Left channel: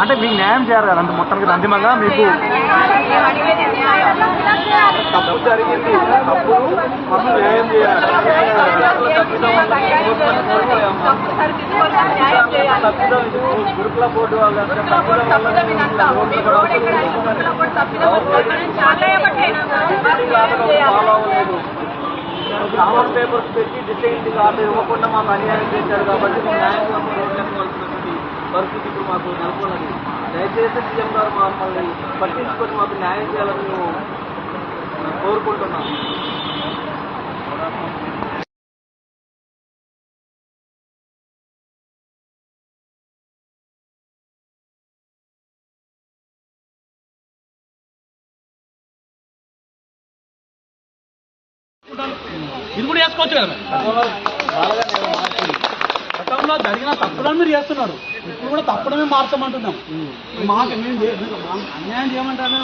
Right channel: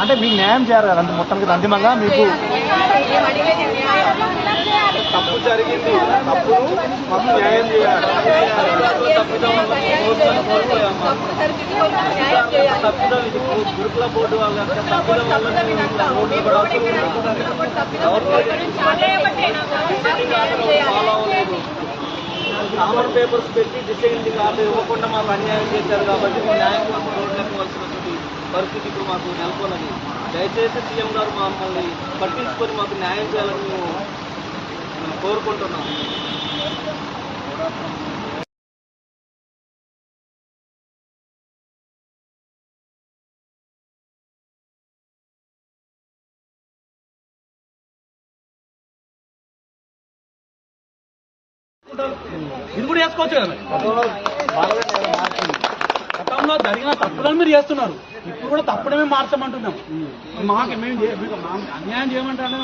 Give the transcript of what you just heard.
అంటే మీకు న్యాయం చేయాలి కదా, అంటే మొత్తానికి అంతిమంగా మీకు తప్పు జరిగింది, తప్పుడు మాకు న్యాయం చేయాలి. తప్పిదం ఇది గురుకుల బోర్డు వాళ్ళ తప్పిదం వల్ల డిసెండింగ్ ఆర్డర్ ఫాలో అవ్వలేదు. కామన్ పేపర్స్ పెట్టి డిసెండింగ్ ఆర్డర్ ఇవ్వకుండా మాకు అన్యాయం చేశారు కాబట్టి మేము న్యాయం కోసం రోడ్లు ఎక్కవలసినటువంటి పరిస్థితి ఇప్పుడు మాకు నెలకొన్నది. దయచేసి సీఎం గారు మమ్మల్ని పట్టించుకొని మాకు న్యాయం చేయాలని మేము కోరుకుంటున్నాం. ఇది కూడా వేసుకోవచ్చు కదా, గతంలో జరిగిన తప్పులను మీరు చేస్తున్నారు, ఇప్పుడు కూడా తప్పుడమే మార్చమంటున్నాం. మాకు అన్యాయం చేయమంటారు.